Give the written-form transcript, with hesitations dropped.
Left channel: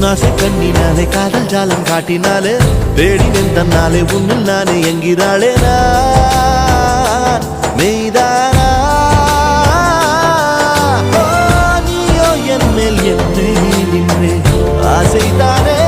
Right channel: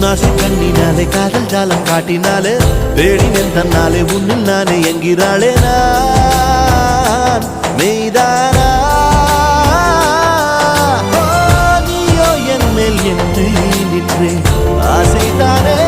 உன்னாசை கண்ணினாலே காதல் ஜாலம் காட்டினாலே தேடினேன் தன்னாலே உன்னில் நானே என்கிறாளே நான் மெய்தானா நீயோ என் மேல் என்னே நின்றே ஆசைதானே